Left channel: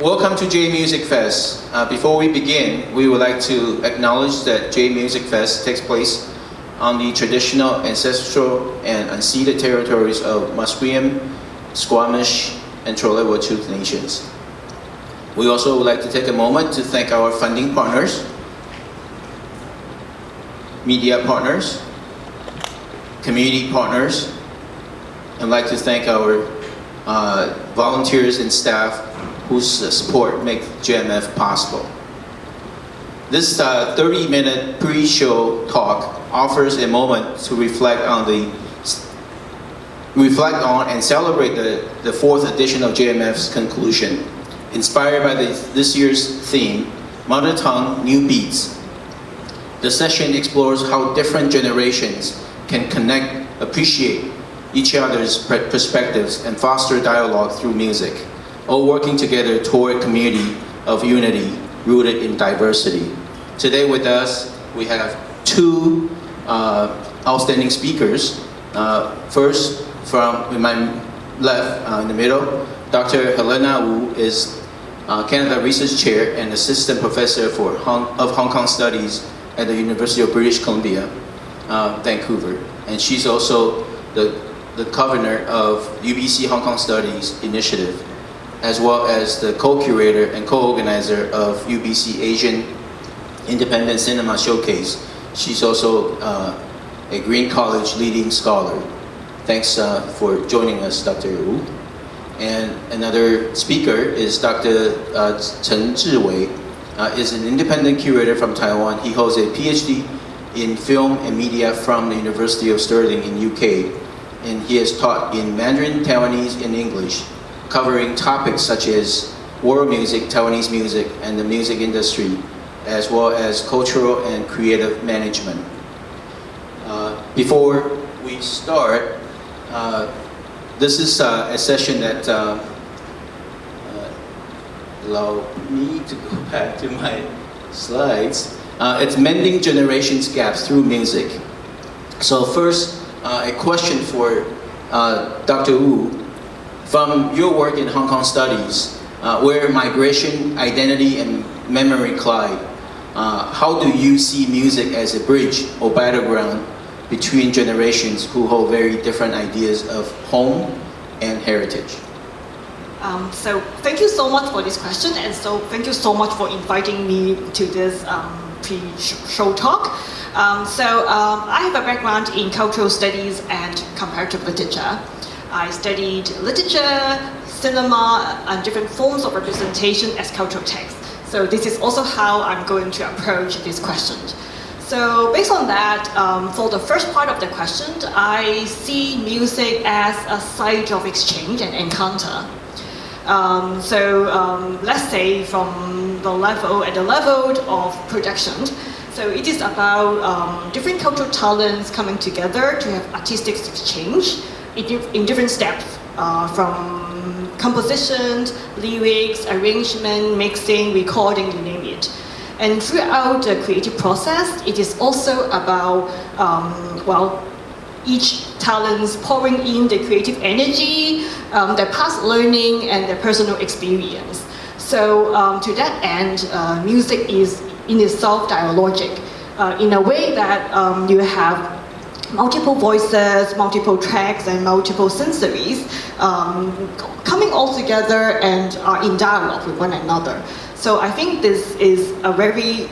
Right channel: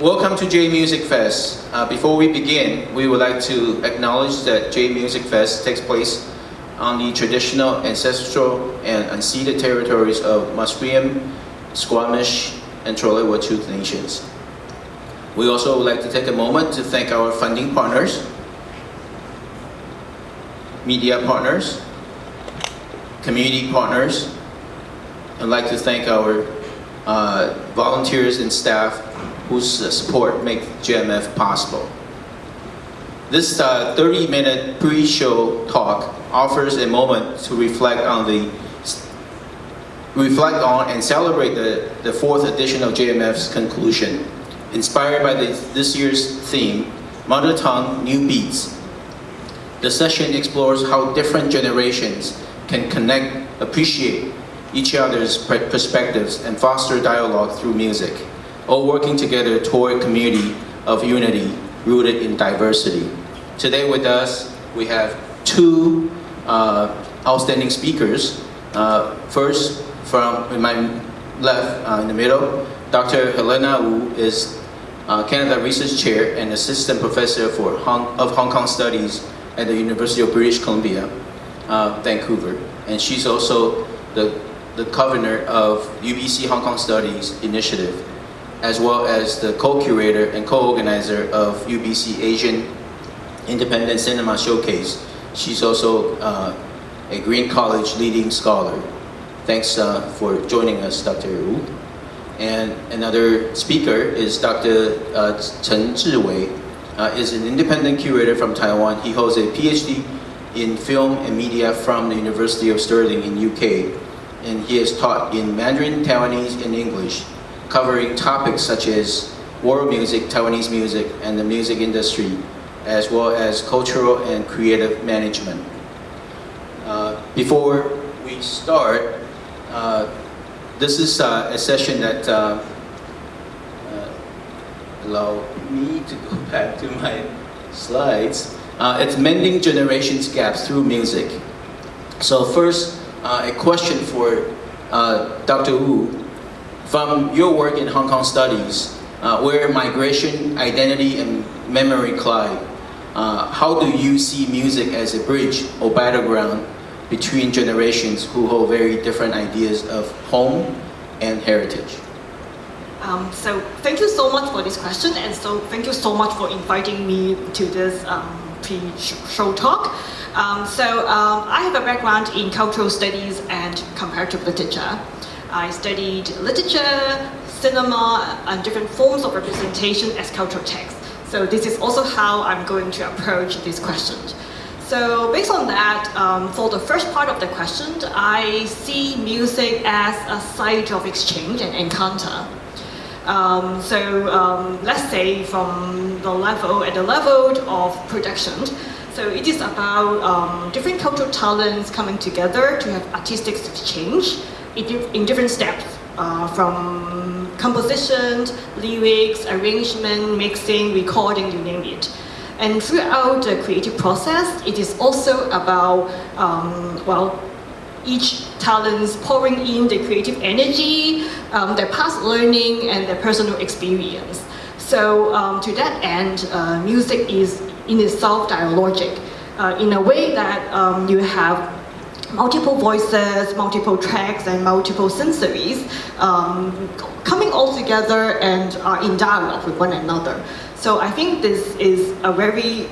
Welcome to Jade Music Fest. Before we begin, we would like to acknowledge that Jade Music Fest takes place on the traditional, ancestral, and unceded territories of Musqueam, Squamish, and Tsleil-Waututh nations. We also would like to take a moment to thank our funding partners, media partners, community partners. I'd like to thank our volunteers and staff whose support make JMF possible. This 30-minute pre-show talk offers a moment to reflect on and celebrate the fourth edition of JMF's conclusion. Inspired by this year's theme, Mother Tongue, New Beats. The session explores how different generations can connect, appreciate each other's perspectives, and foster dialogue through music, all working together toward a community of unity rooted in diversity. Today with us, we have two outstanding speakers. First, from my left, in the middle, Dr. Helena Wu is Canada Research Chair and Assistant Professor of Hong Kong Studies at the University of British Columbia, Vancouver. And she's also the governor of UBC Hong Kong Studies Initiative, as well as the co-curator and co-organizer of UBC Asian Independent Cinema Showcase. She's also a Green College leading scholar. Thanks for joining us, Dr. Wu. And another speaker is Dr. Chen Szu Wei, is an independent curator from Taiwan. He holds a PhD in film and media from the University of Stirling in UK. And he has taught in Mandarin, Taiwanese, and English, covering topics such as world music, Taiwanese music, and the music industry, as well as cultural and creative management. Before we start, this is a session that allow me to go back to my slides. It's Mending Generations Gaps Through Music. So first, a question for Dr. Wu. From your work in Hong Kong Studies, where migration, identity, and memory collide, how do you see music as a bridge or battleground between generations who hold very different ideas of home and heritage? So thank you so much for this question, and so thank you so much for inviting me to this pre-show talk. I have a background in cultural studies and comparative literature. I studied literature, cinema, and different forms of representation as cultural text. So this is also how I'm going to approach this question. So based on that, for the first part of the question, I see music as a site of exchange and encounter. Let's say from the level of production. So it is about different cultural talents coming together to have artistic exchange in different steps, from compositions, lyrics, arrangement, mixing, recording, you name it. And throughout the creative process, it is also about, each talents pouring in the creative energy, their past learning, and their personal experience. So to that end, music is in itself dialogic, in a way that you have multiple voices, multiple tracks, and multiple sensories coming all together and are in dialogue with one another. So I think this is a very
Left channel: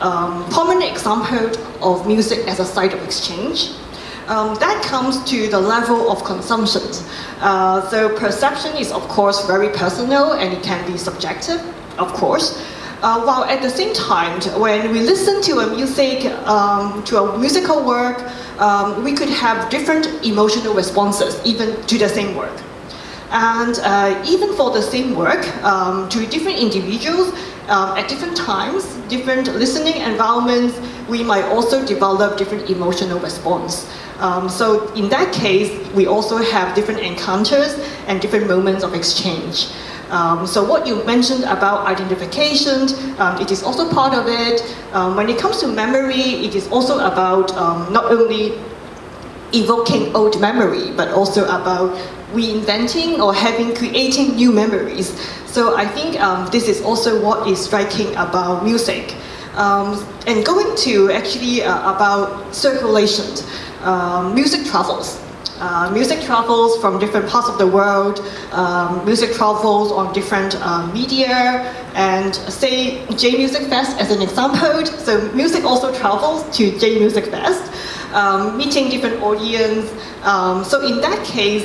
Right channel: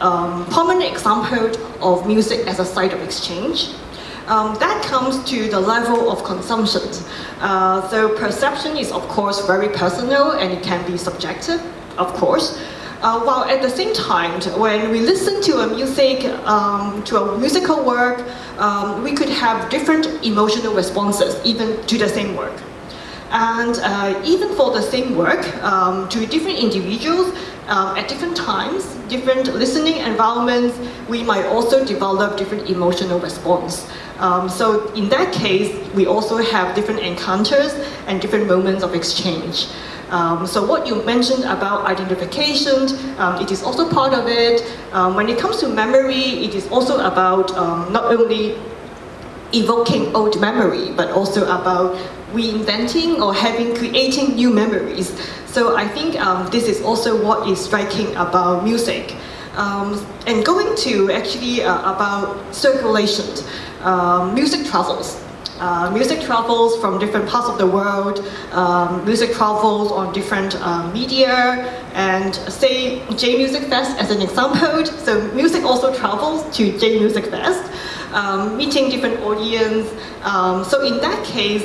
prominent example of music as a site of exchange. That comes to the level of consumption. So perception is of course very personal and it can be subjective, of course. While at the same time, when we listen to a musical work, we could have different emotional responses even to the same work. And even for the same work, to different individuals, at different times, different listening environments, we might also develop different emotional response. So in that case, we also have different encounters and different moments of exchange. So what you mentioned about identification, it is also part of it. When it comes to memory, it is also about not only evoking old memory, but also about reinventing or creating new memories. So I think this is also what is striking about music. And going to actually about circulation, music travels. Music travels from different parts of the world, music travels on different media, and say Jade Music Fest as an example. So music also travels to Jade Music Fest, meeting different audience. So in that case,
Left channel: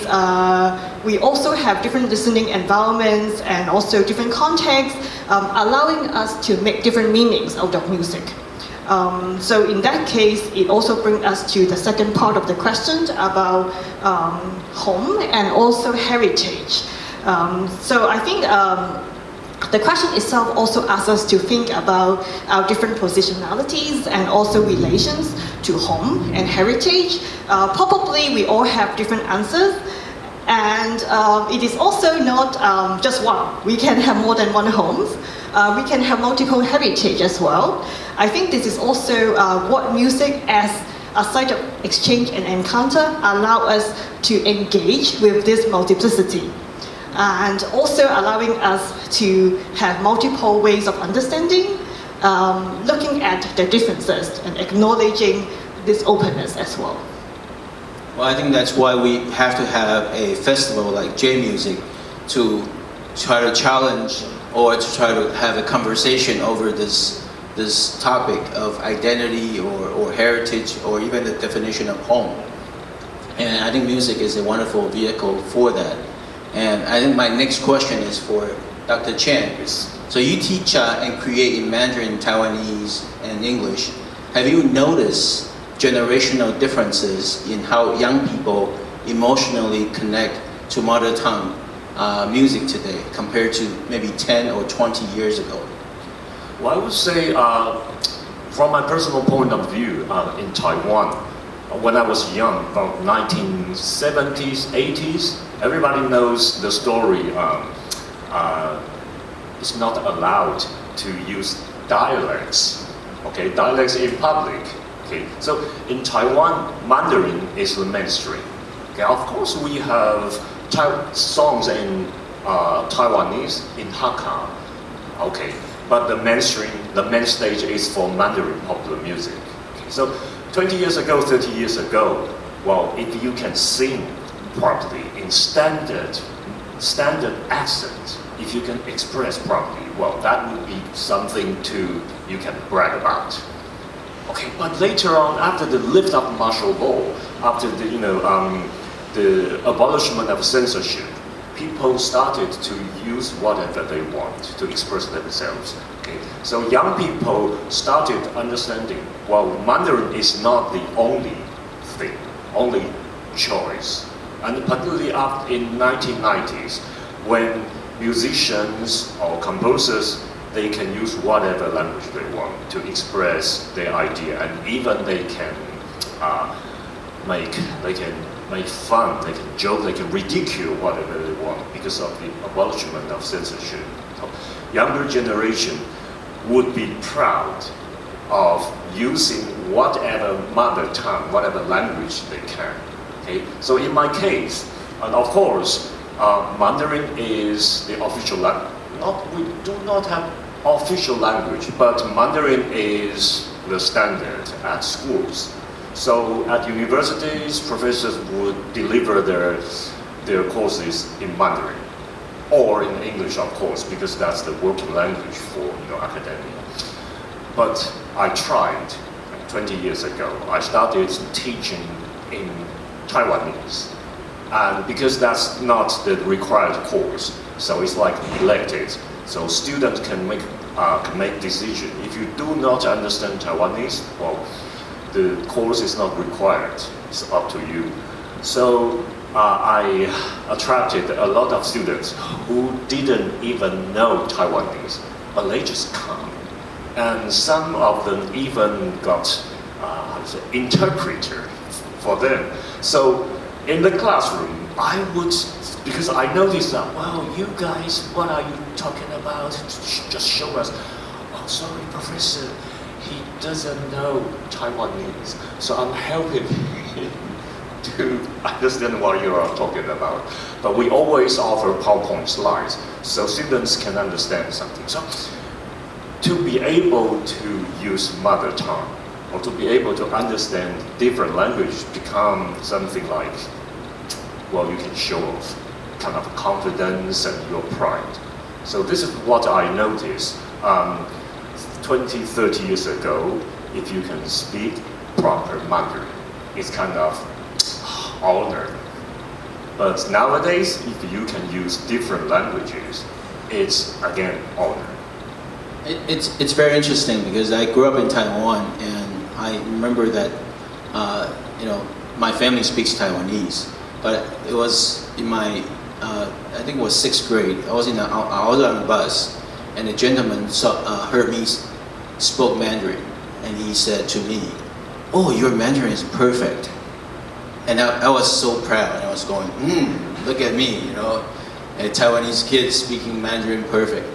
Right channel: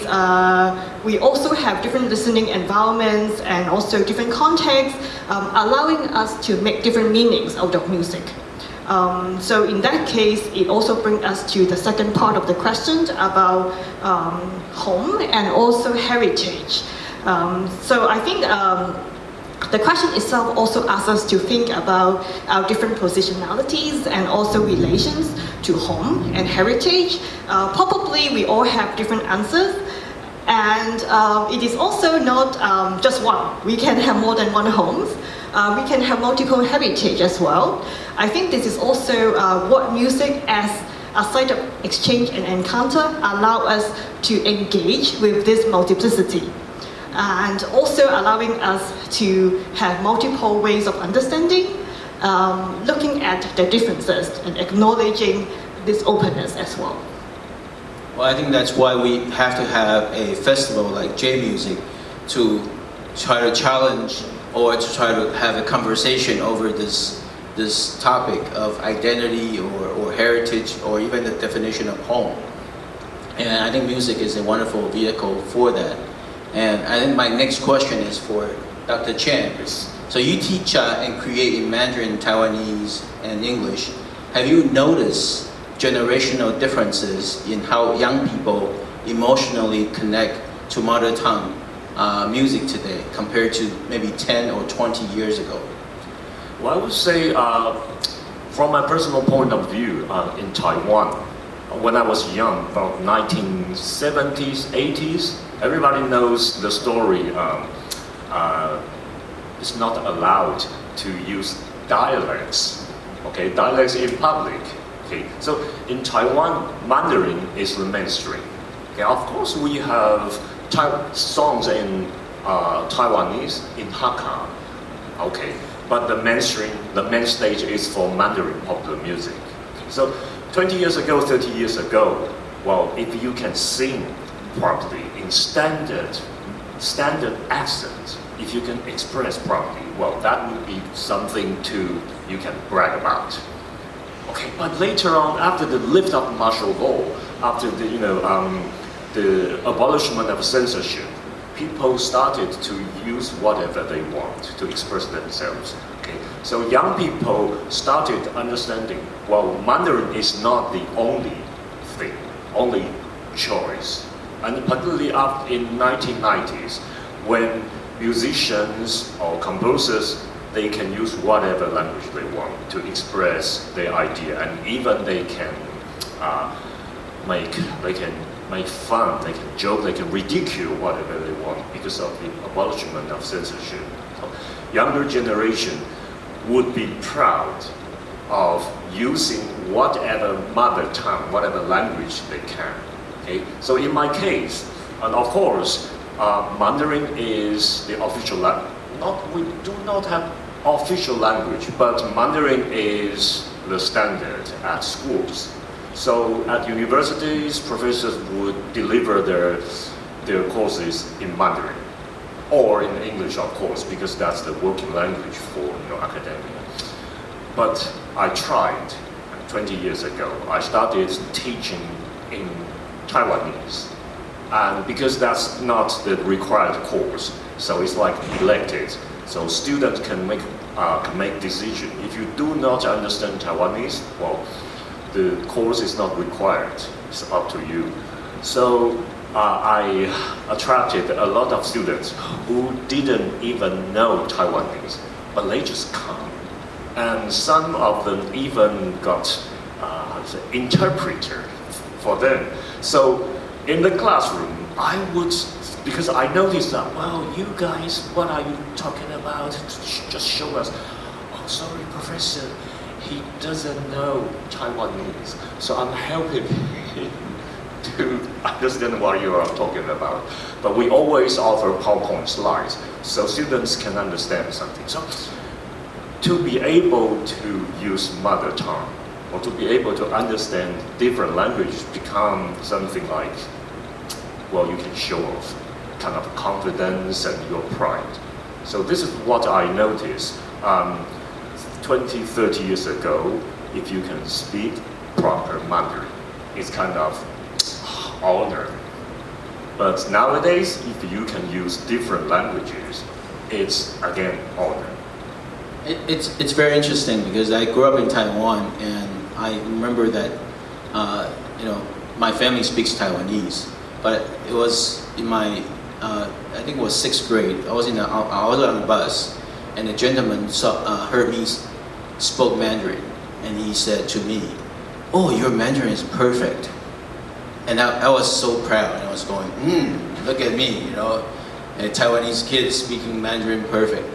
we also have different listening environments and also different contexts, allowing us to make different meanings out of music. So in that case, it also brings us to the second part of the question about home and also heritage. So I think the question itself also asks us to think about our different positionalities and also relations to home and heritage. Probably we all have different answers. And it is also not just one. We can have more than one homes. We can have multiple heritage as well. I think this is also what music as a site of exchange and encounter allow us to engage with this multiplicity. And also allowing us to have multiple ways of understanding, looking at the differences and acknowledging this openness as well. Well, I think that's why we have to have a festival like Jade Music to try to challenge or to try to have a conversation over this topic of identity or heritage or even the definition of home. And I think music is a wonderful vehicle for that. And I think my next question is for Dr. Chen. So you teach and create in Mandarin, Taiwanese, and English. Have you noticed generational differences in how young people emotionally connect to mother tongue music today compared to maybe 10 or 20 years ago? Well, I would say, from my personal point of view, in Taiwan, when I was young, about 1970s, 80s, everybody knows the story. It's not allowed to use dialects, okay, dialects in public. Okay, so in Taiwan, Mandarin is the mainstream. Okay, of course, we have songs in Taiwanese, in Hakka. Okay, but the main stage is for Mandarin popular music. So 20 years ago, 30 years ago, well, if you can sing properly in standard accent, if you can express properly, well, that would be something you can brag about. Okay, but later on, after the lift of martial law, after the abolishment of censorship, people started to use whatever they want to express themselves. Okay, so young people started understanding, well, Mandarin is not the only thing, only choice. And particularly up in 1990s, when musicians or composers, they can use whatever language they want to express their idea, and even they can make fun, they can joke, they can ridicule whatever they want because of the abolishment of censorship. Younger generation would be proud of using whatever mother tongue, whatever language they can. Okay? So in my case, and of course, Mandarin is the official language. We do not have official language, but Mandarin is the standard at schools. So at universities, professors would deliver their courses in Mandarin, or in English, of course, because that's the working language for academia. But I tried 20 years ago. I started teaching in Taiwanese, and because that's not the required course, so it's like elected. So students can make decision. If you do not understand Taiwanese, well, the course is not required. It's up to you. So I attracted a lot of students who didn't even know Taiwanese, but they just come. And some of them even got interpreter for them. So in the classroom, I would, because I noticed that, well, you guys, what are you talking about? Just show us. Oh, sorry, professor, he doesn't know Taiwanese. So I'm helping him to understand what you are talking about. but we always offer PowerPoint slides so students can understand something. So to be able to use mother tongue or to be able to understand different language become something like, well, you can show off kind of confidence and your pride. So this is what I noticed. 20, 30 years ago, if you can speak proper Mandarin, it's kind of honor. But nowadays, if you can use different languages, it's again honor. It's very interesting because I grew up in Taiwan, and I remember that my family speaks Taiwanese, but it was in my I think it was 6th grade. I was on the bus, and a gentleman heard me spoke Mandarin, and he said to me, "Oh, your Mandarin is perfect." And I was so proud. I was going, look at me, a Taiwanese kid speaking Mandarin perfect,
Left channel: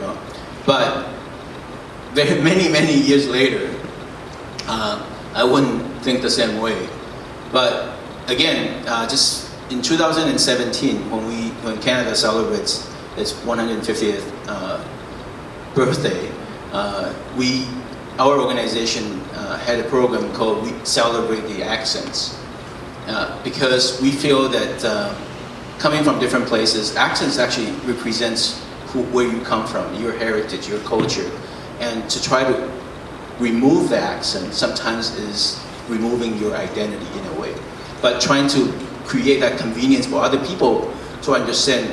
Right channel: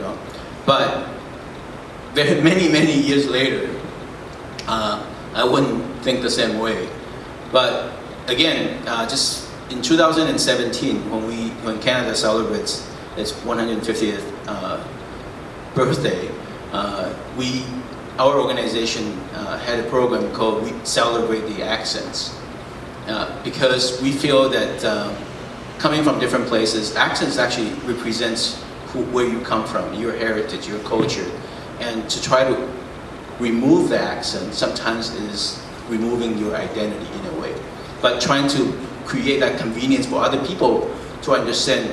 But many years later, I wouldn't think the same way. But again, just in 2017, when Canada celebrates its 150th birthday, our organization had a program called "We Celebrate the Accents," because we feel that coming from different places, accents actually represents where you come from, your heritage, your culture, and to try to remove the accent sometimes is removing your identity in a way. But trying to create that convenience for other people to understand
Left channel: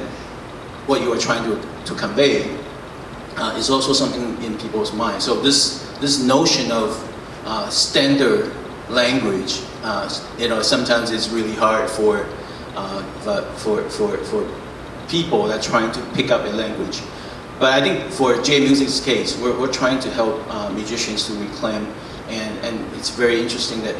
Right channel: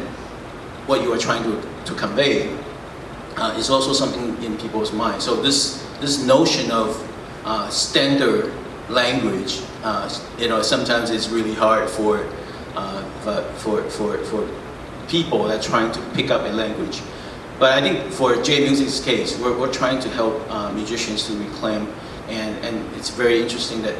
what you are trying to convey is also something in people's minds. So this notion of standard language, sometimes it's really hard for people that are trying to pick up a language. But I think for Jade Music's case, we're trying to help musicians to reclaim, and it's very interesting that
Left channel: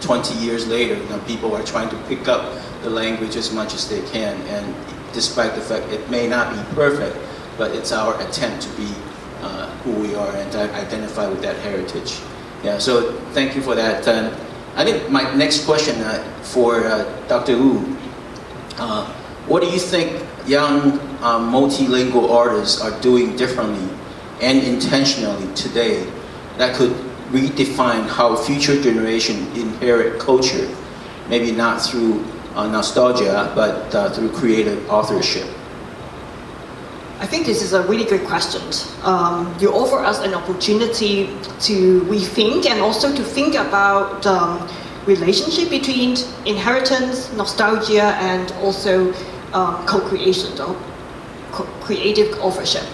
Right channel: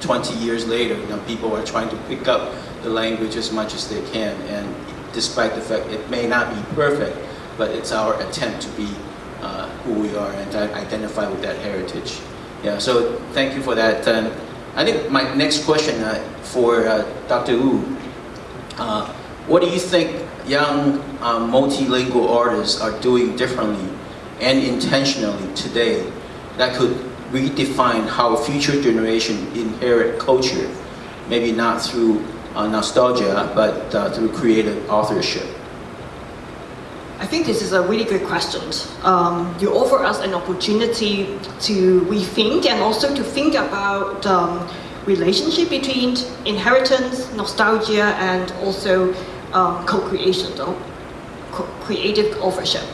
20 years later, people are trying to pick up the language as much as they can, and despite the fact it may not be perfect, but it's our attempt to be who we are and to identify with that heritage. Yeah, so thank you for that. I think my next question for Dr. Wu, what do you think young multilingual artists are doing differently and intentionally today that could redefine how future generations inherit culture, maybe not through nostalgia, but through creative authorship? I think this is a really good question. You offer us an opportunity to rethink and also to think about relationship between inheritance, nostalgia, and also co-creation, creative authorship.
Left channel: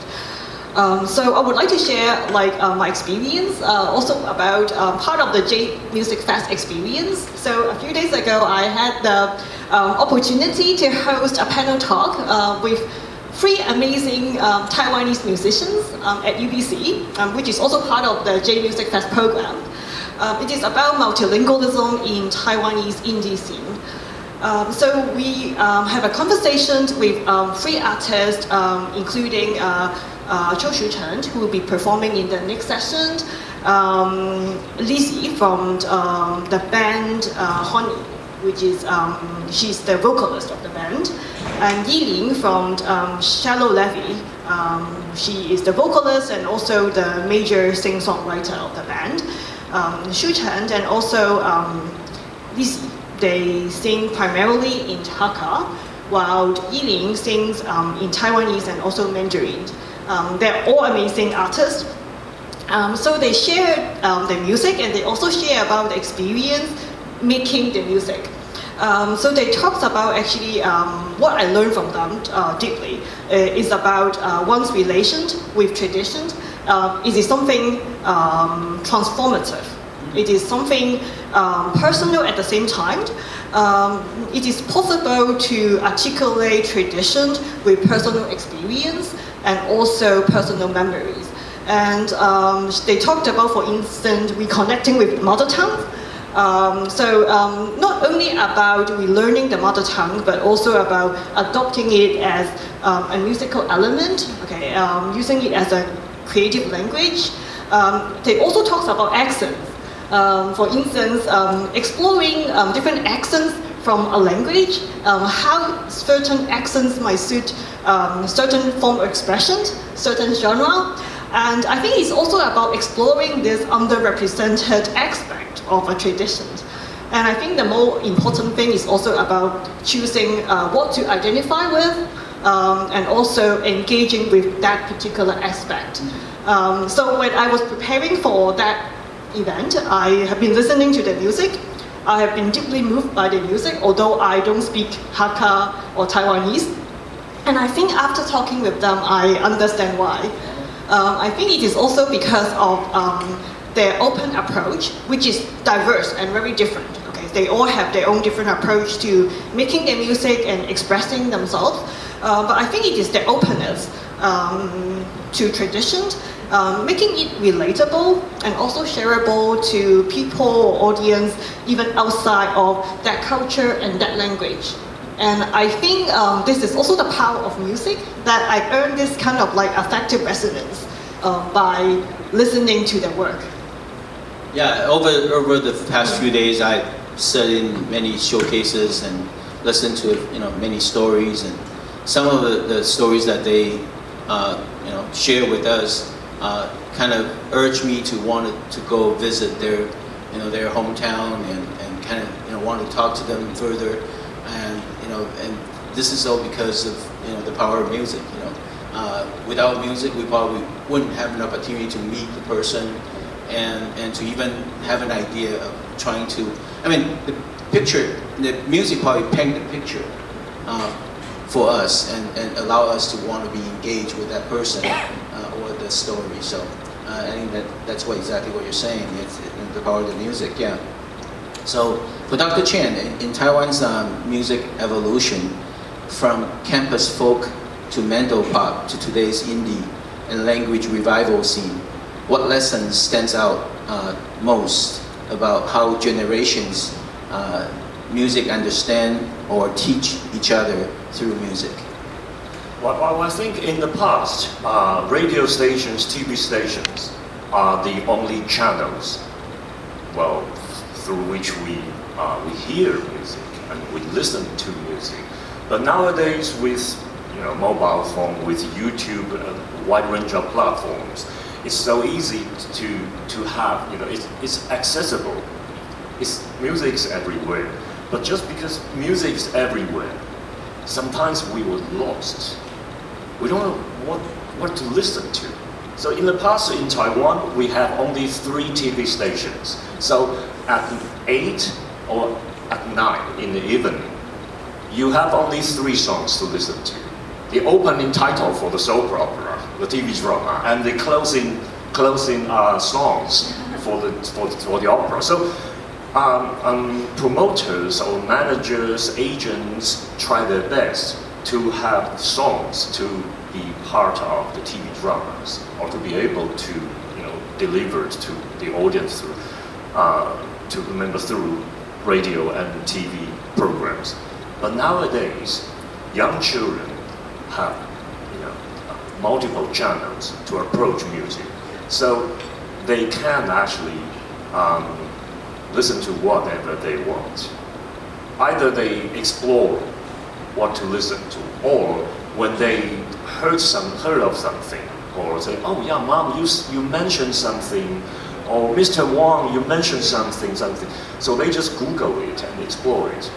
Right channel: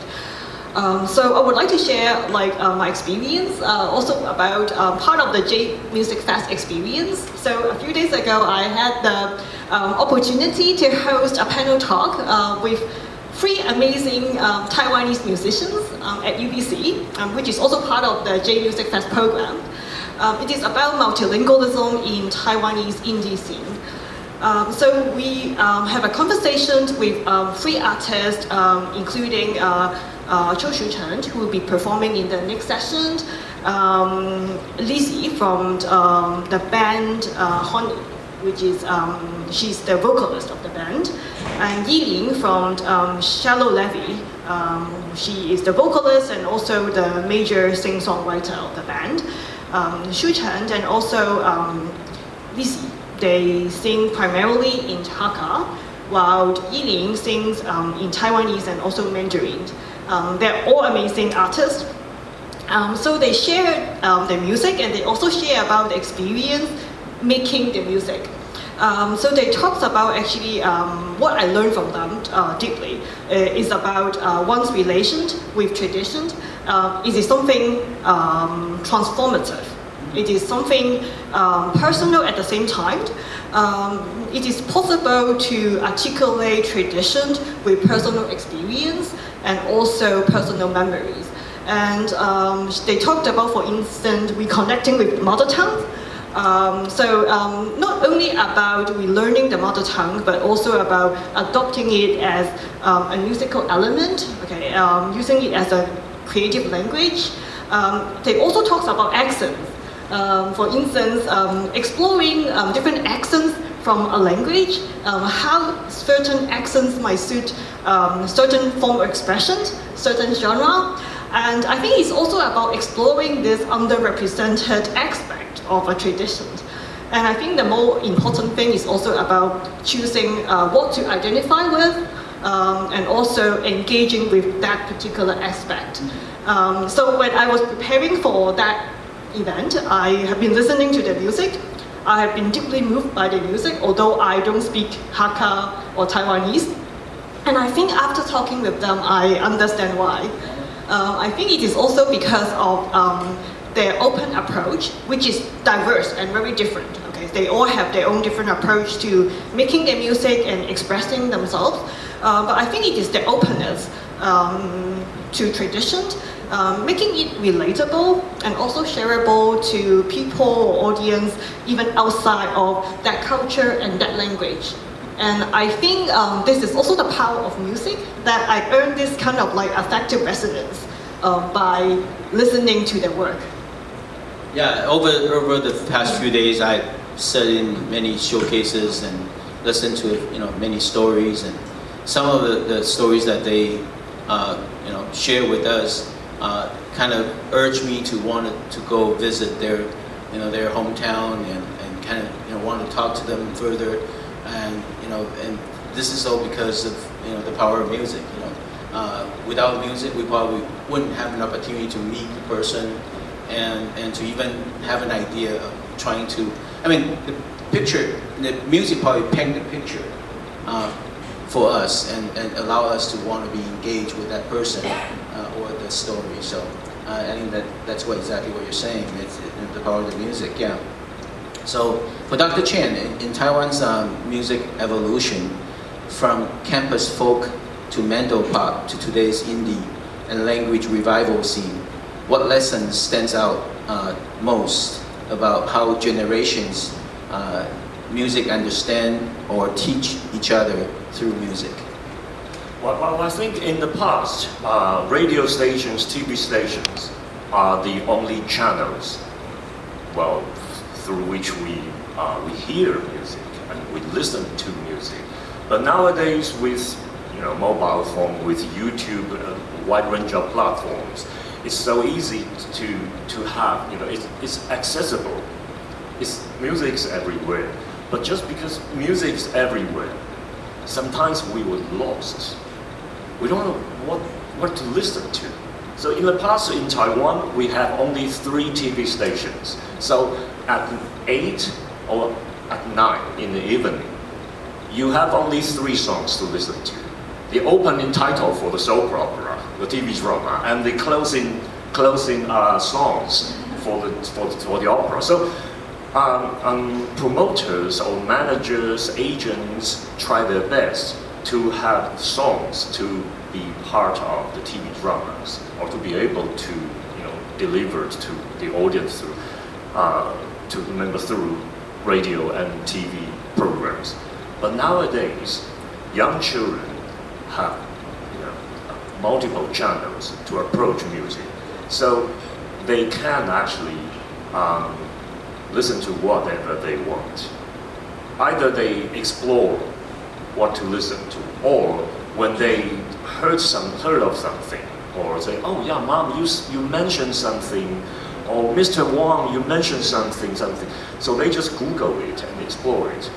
So I would like to share my experience, also about part of the Jade Music Fest experience. So a few days ago, I had the opportunity to host a panel talk with 3 amazing Taiwanese musicians at UBC, which is also part of the Jade Music Fest program. It is about multilingualism in Taiwanese indie scene. So we have a conversation with 3 artists, including Chen Szu Wei, who will be performing in the next session, Lizzie from the band Honey, which is she's the vocalist of the band, and Yiling from Shallow Levy. She is the vocalist and also the major sing-songwriter of the band. Chen and also Lizzie, they sing primarily in Hakka, while Yiling sings in Taiwanese and also Mandarin. They're all amazing artists. So they share the music, and they also share about the experience making the music. So they talk about actually what I learned from them deeply is about one's relation with tradition. It is something transformative. It is something personal at the same time. It is possible to articulate tradition with personal experience and also personal memories. And they talked about, for instance, reconnecting with mother tongue. So not only about relearning the mother tongue, but also about adopting it as a musical element, using it as a creative language. They also talk about accents. For instance, exploring different accents from a language, how certain accents might suit certain form of expressions, certain genre. And I think it's also about exploring this underrepresented aspect of a tradition. And I think the more important thing is also about choosing what to identify with and also engaging with that particular aspect. So when I was preparing for that event, I have been listening to the music. I have been deeply moved by the music, although I don't speak Hakka or Taiwanese. And I think after talking with them, I understand why. I think it is also because of their open approach, which is diverse and very different. Okay, they all have their own different approach to making their music and expressing themselves. But I think it is their openness to traditions, making it relatable and also shareable to people or audience even outside of that culture and that language. And I think this is also the power of music, that I earned this kind of like affective resonance by listening to the work. Yeah, over the past few days, I sat in many showcases and listened to many stories, and some of the stories that they share with us kind of urged me to want to go visit their hometown and kind of want to talk to them further, and this is all because of the power of music. Without music, we probably wouldn't have an opportunity to meet the person and to even have an idea of trying to. I mean, the music probably paint the picture for us and allow us to want to be engaged with that person or the story. So I think that's exactly what you're saying. It's the power of the music, yeah. So for Dr. Chen, in Taiwan's music evolution, from campus folk to Mendo pop to today's indie and language revival scene, what lessons stands out most about how generations music understand or teach each other through music? Well, I think in the past, radio stations, TV stations are the only channels, through which we hear music and we listen to music. But nowadays, with mobile phone, with YouTube, a wide range of platforms, it's so easy to have. It's accessible. Music's everywhere. But just because music's everywhere, sometimes we were lost. We don't know what to listen to. So in the past in Taiwan, we had only 3 TV stations. So at 8 or at 9 in the evening, you have only 3 songs to listen to. The opening title for the soap opera, the TV drama, and the closing songs for the opera. So promoters or managers, agents try their best to have songs to be part of the TV dramas or to be able to deliver to the audience through radio and TV programs. But nowadays, young children have multiple channels to approach music, so they can actually listen to whatever they want. Either they explore what to listen to, or when they heard of something, or say, "Oh yeah, Mom, you mentioned something," or "Mr. Wang, you mentioned something." So they just Google it and explore it.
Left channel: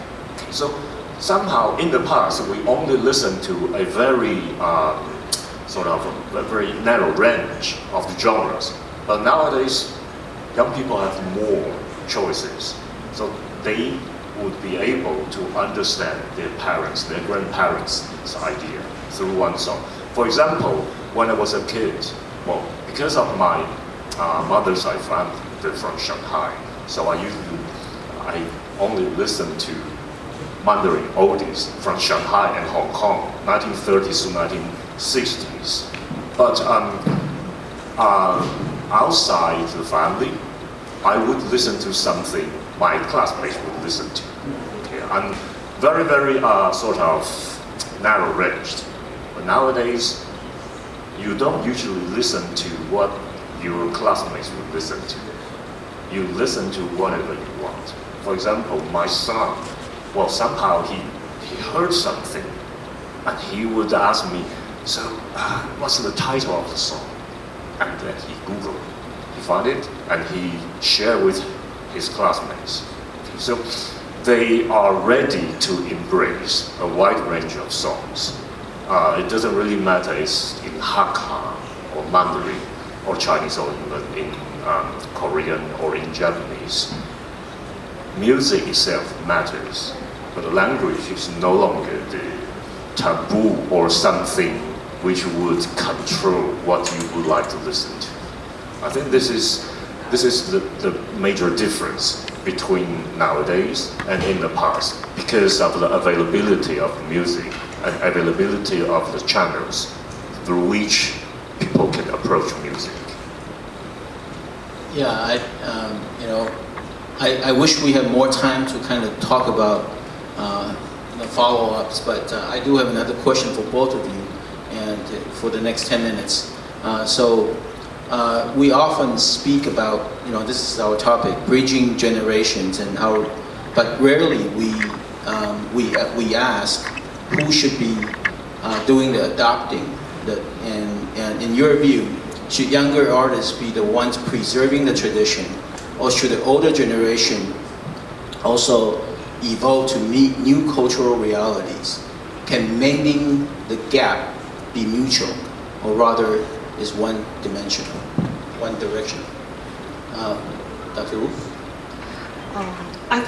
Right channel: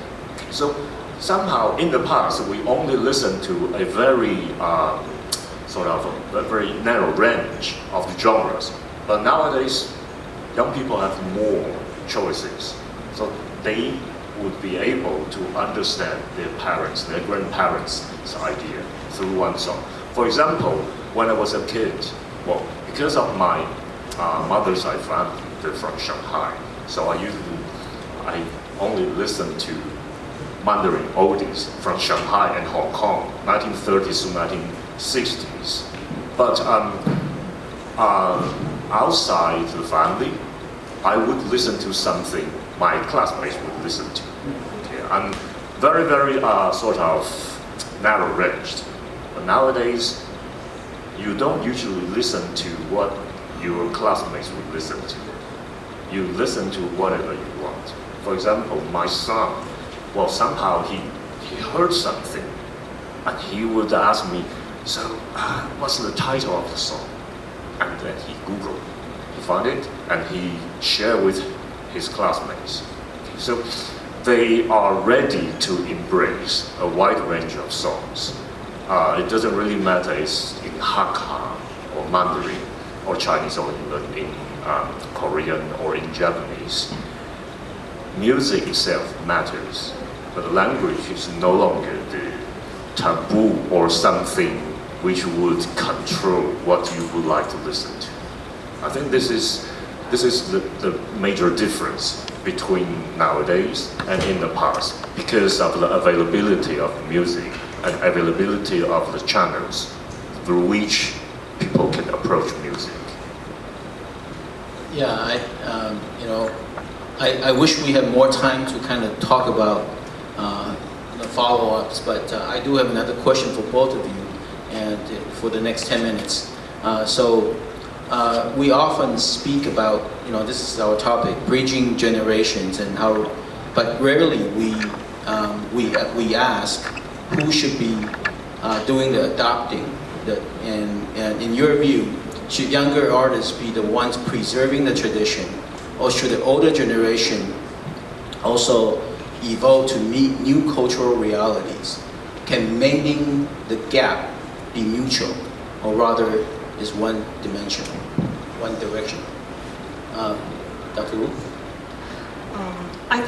So somehow in the past we only listened to a very a very narrow range of genres, but nowadays young people have more choices, so they would be able to understand their parents, their grandparents' idea through one song. For example, when I was a kid, because of my mother's side family, they're from Shanghai, so I only listened to Mandarin oldies from Shanghai and Hong Kong, 1930s to 1960s. But outside the family, I would listen to something my classmates would listen to. I'm very, very narrow ranged. But nowadays, you don't usually listen to what your classmates would listen to. You listen to whatever you want. For example, my son well, somehow he heard something, and he would ask me, so what's the title of the song? And then he Googled, he found it, and he shared with his classmates. So they are ready to embrace a wide range of songs. It doesn't really matter it's in Hakka or Mandarin or Chinese or even in Korean or in Japanese. Music itself matters, but the language is no longer the taboo or something which would control what you would like to listen to. I think this is the major difference between nowadays and in the past, because of the availability of music and availability of the channels through which people can approach music. Yeah, I wish we had more time to kind of talk about the follow-ups, but I do have another question for both of you, and for the next 10 minutes. We often speak about, this is our topic, bridging generations, and how, but rarely we ask who should be doing the adopting. And in your view, should younger artists be the ones preserving the tradition, or should the older generation also evolve to meet new cultural realities? Can mending the gap be mutual, or rather is one dimensional, one direction? Dr. Wu? I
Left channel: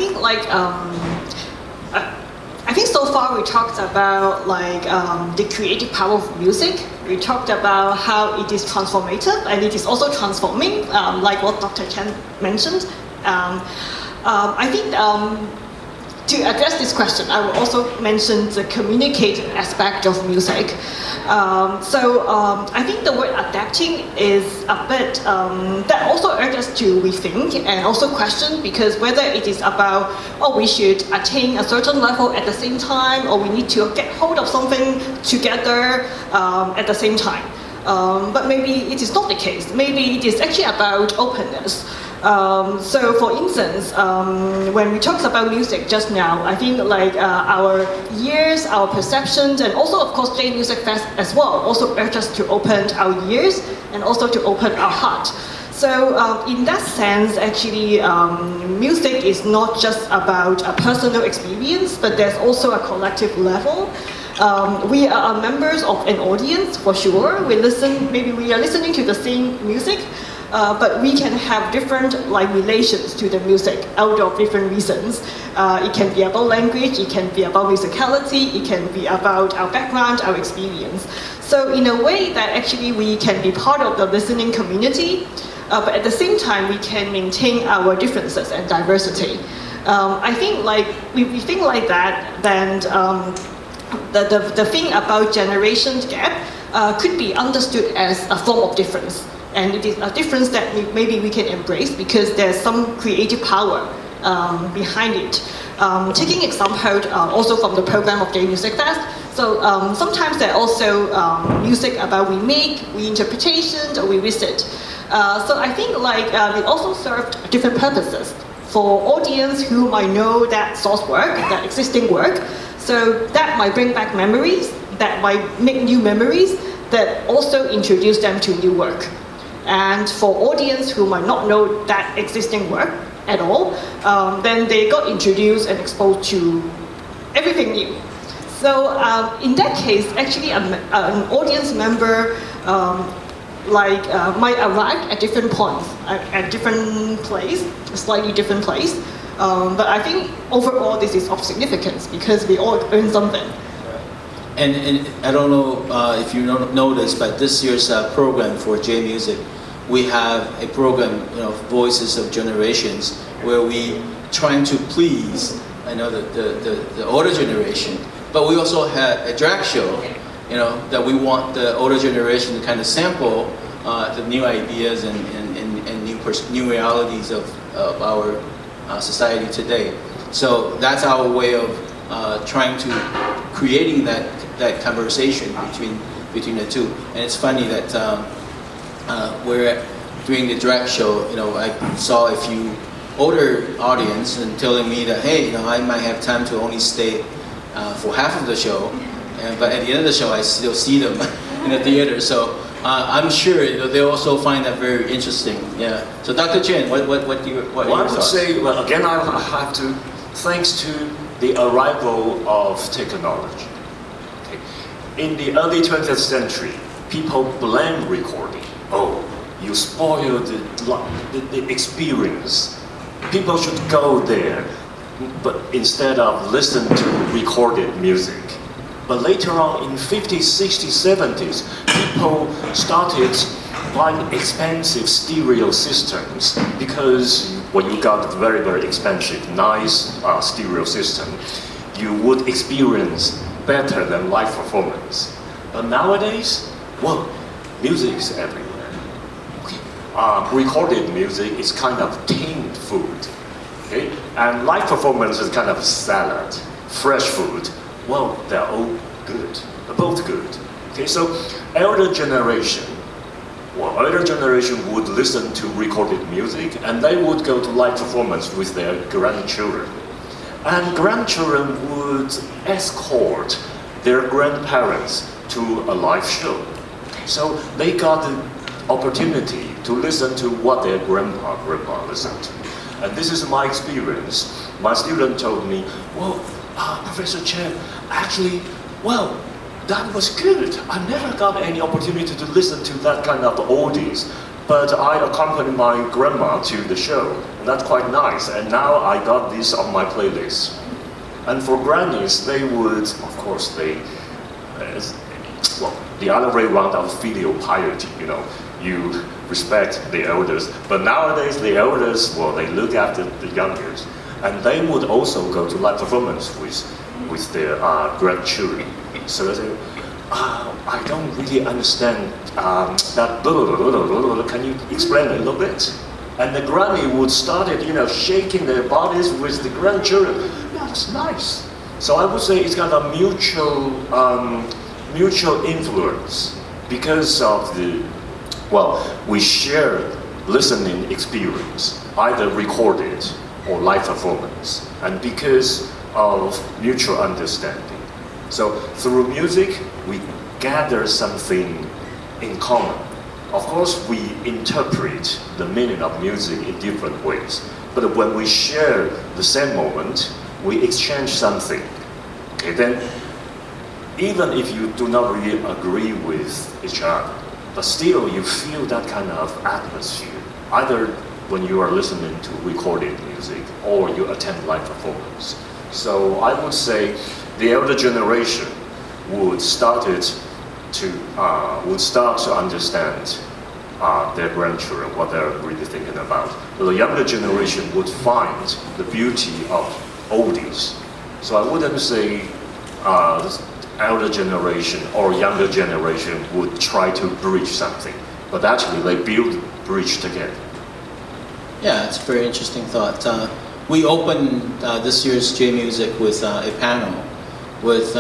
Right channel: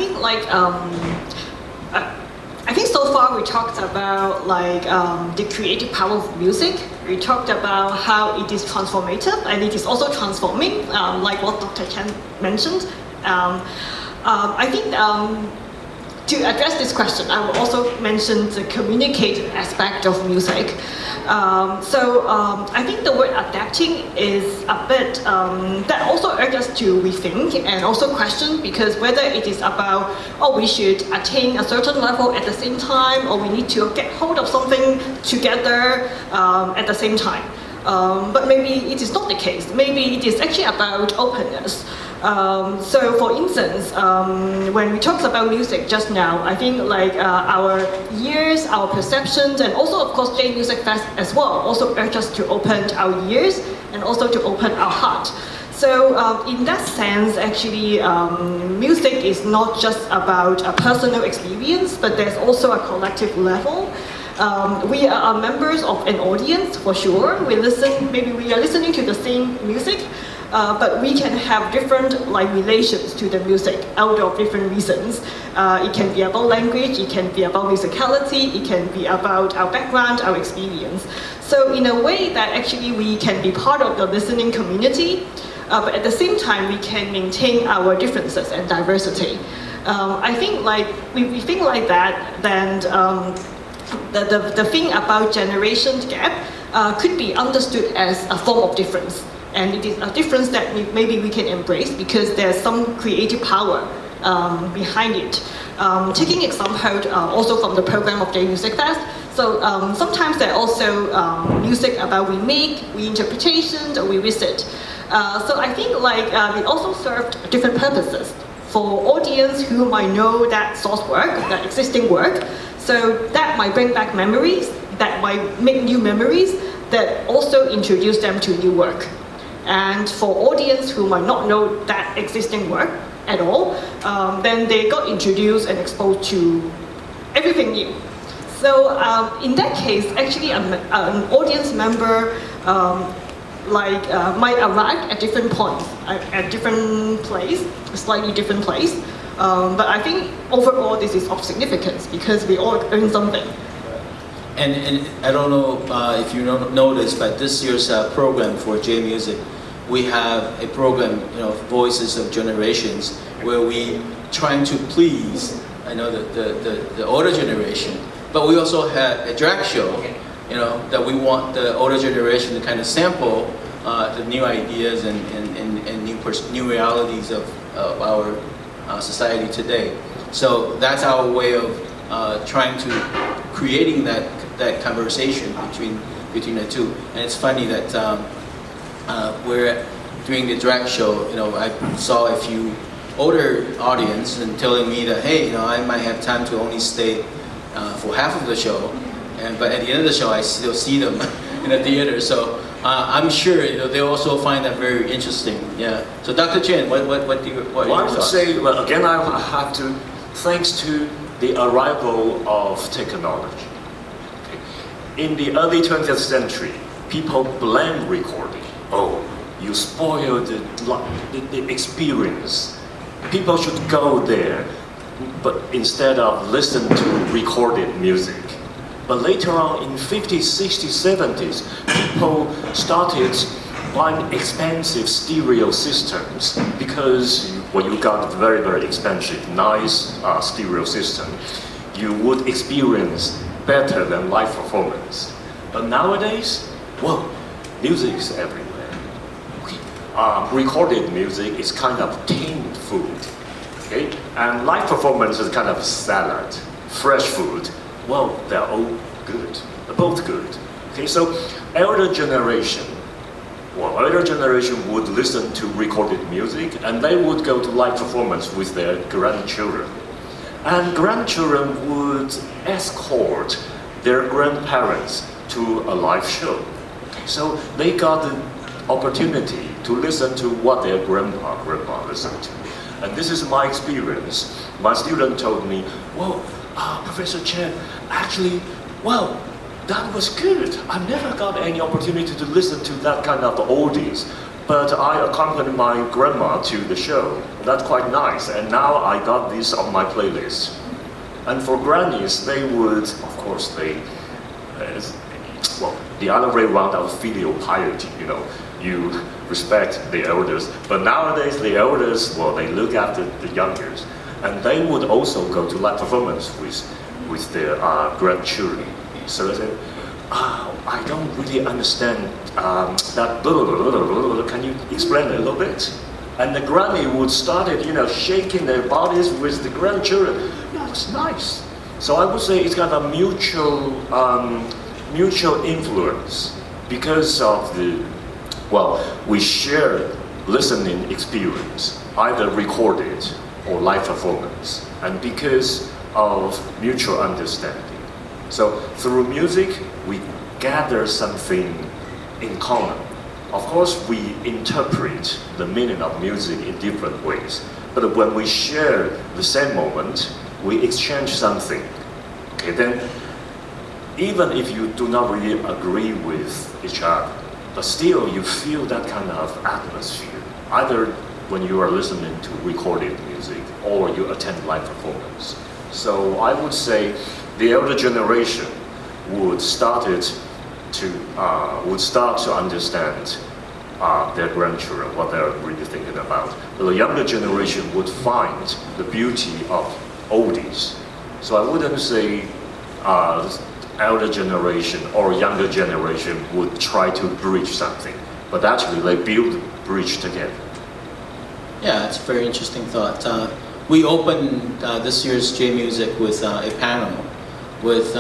think so far we talked about the creative power of music. We talked about how it is transformative and it is also transforming, like what Dr. Chen mentioned. I think to address this question, I will also mention the communicative aspect of music. I think the word adapting is a bit, that also urges us to rethink and also question, because whether it is about, we should attain a certain level at the same time, or we need to get hold of something together at the same time. But maybe it is not the case. Maybe it is actually about openness. For instance, when we talked about music just now, I think our ears, our perceptions, and also of course Jade Music Fest as well, also urge us to open our ears and also to open our heart. So in that sense, actually, music is not just about a personal experience, but there's also a collective level. We are members of an audience for sure. Maybe we are listening to the same music, but we can have different relations to the music out of different reasons. It can be about language, it can be about musicality, it can be about our background, our experience. So in a way that actually we can be part of the listening community, but at the same time we can maintain our differences and diversity. I think we think like that, then the thing about generation gap could be understood as a form of difference. And it is a difference that maybe we can embrace because there's some creative power behind it. Taking example also from the program of Jade Music Fest. So sometimes there are also music about we make, reinterpretations, or we visit. So I think we also served different purposes for audience who might know that source work, that existing work. So that might bring back memories, that might make new memories, that also introduce them to new work. And for audience who might not know that existing work at all, then they got introduced and exposed to everything new. So in that case, actually an audience member might arrive at different points, at different place, a slightly different place. But I think overall this is of significance because we all earn something. And I don't know if you noticed, but this year's program for Jade Music, we have a program, Voices of Generations, where we trying to please, the older generation, but we also had a drag show, that we want the older generation to kind of sample the new ideas and new realities of our society today. So that's our way of trying to creating that conversation between the two. And it's funny that we're during the drag show, I saw a few older audience and telling me that, hey, I might have time to only stay for half of the show, but at the end of the show, I still see them in the theater. So I'm sure they also find that very interesting. Yeah. So Dr. Chen, what do you? What Well, are I your would thoughts? say, well, again, I have to, thanks to the arrival of technology. Okay. In the early 20th century, people blame recording. Oh, you spoil the experience. People should go there, but instead of listen to recorded music. But later on in 50s, 60s, 70s, people started buying expensive stereo systems because when you got a very, very expensive, nice stereo system, you would experience better than live performance. But nowadays, well, music is everywhere. Recorded music is kind of tinned food, okay? And live performance is kind of salad, fresh food. Well, they're all good, they're both good. Okay, so elder generation would listen to recorded music and they would go to live performance with their grandchildren. And grandchildren would escort their grandparents to a live show. So they got the opportunity to listen to what their grandpa listened to. And this is my experience. My student told me, well, Professor Chen, actually, well, that was good. I never got any opportunity to listen to that kind of oldies, but I accompanied my grandma to the show. That's quite nice, and now I got this on my playlist. And for grannies, they would, of course, the other way around of filial piety, you respect the elders, but nowadays the elders, well, they look after the youngers, and they would also go to live performance with their grandchildren. So they say, I don't really understand that blah, blah, blah, blah, blah. Can you explain a little bit? And the granny would start shaking their bodies with the grandchildren. Yeah, it's nice. So I would say it's kind of mutual influence because of we share listening experience, either recorded or live performance, and because of mutual understanding. So through music, we gather something in common. Of course, we interpret the meaning of music in different ways, but when we share the same moment, we exchange something. Okay, then even if you do not really agree with each other, but still you feel that kind of atmosphere, either when you are listening to recorded music or you attend live performance. So I would say the elder generation would start to understand their grandchildren, what they're really thinking about. But the younger generation would find the beauty of oldies. So I wouldn't say elder generation or younger generation would try to bridge something, but actually they build bridge together. Yeah, it's a very interesting thought. We opened this year's J Music with a panel with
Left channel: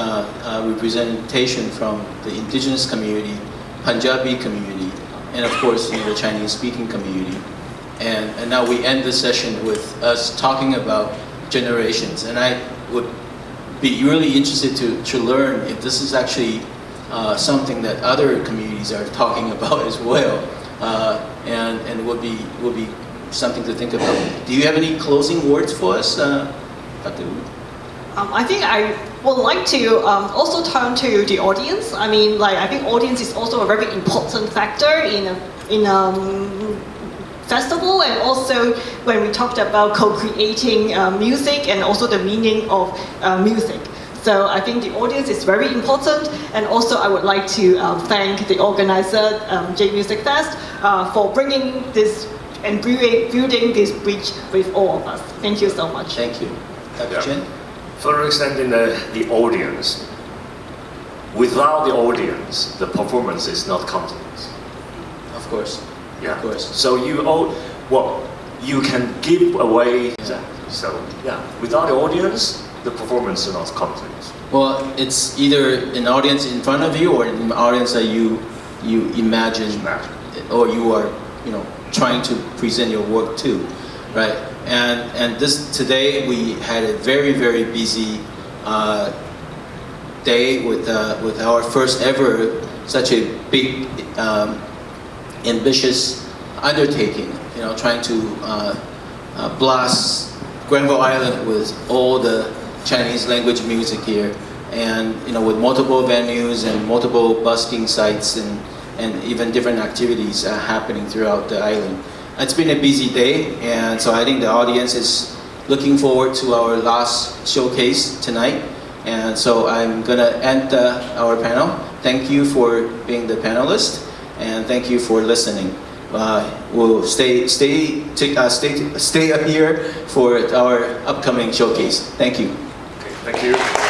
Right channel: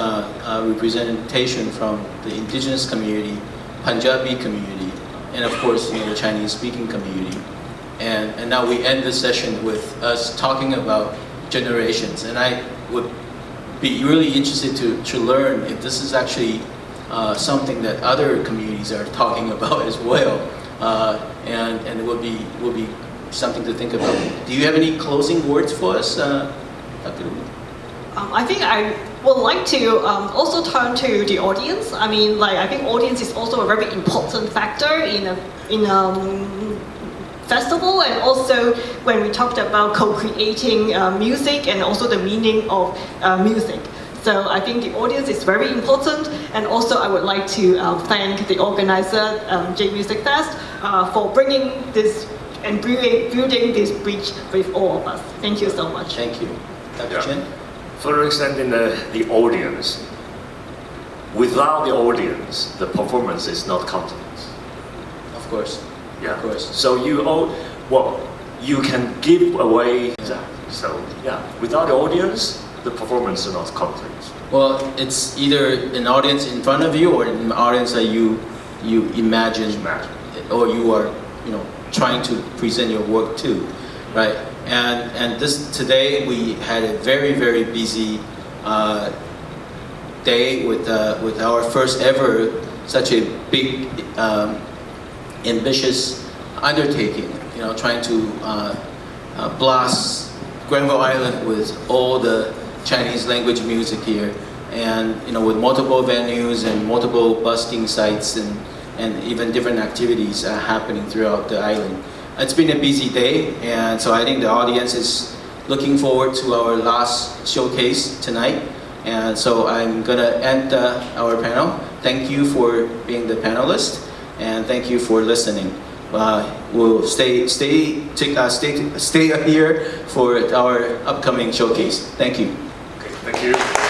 representation from the indigenous community, Punjabi community, and of course the Chinese-speaking community. And now we end the session with us talking about generations. And I would be really interested to learn if this is actually something that other communities are talking about as well, and will be something to think about. Do you have any closing words for us, Dr. Wu? I think I would like to also turn to the audience. I mean, I think audience is also a very important factor in a festival, and also when we talked about co-creating music and also the meaning of music. So I think the audience is very important, and also I would like to thank the organizer, Jade Music Fest, for bringing this and building this bridge with all of us. Thank you so much. Thank you. Dr. Chen? Further extending the audience. Without the audience, the performance is not complete. Of course. Yeah. Of course. So you can give away. Exactly. So without the audience, the performance is not complete. Well, it's either an audience in front of you or an audience that you imagine or you are trying to present your work to. right? And today we had a very busy day with our first ever such a big ambitious undertaking. You know, trying to blast Granville Island with all the Chinese language music here, and you know, with multiple venues and multiple busking sites and even different activities happening throughout the island. It's been a busy day, and so I think the audience is looking forward to our last showcase tonight. And so I'm gonna end our panel. Thank you for being the panelist, and thank you for listening. We'll stay up here for our upcoming showcase. Thank you. Okay, thank you.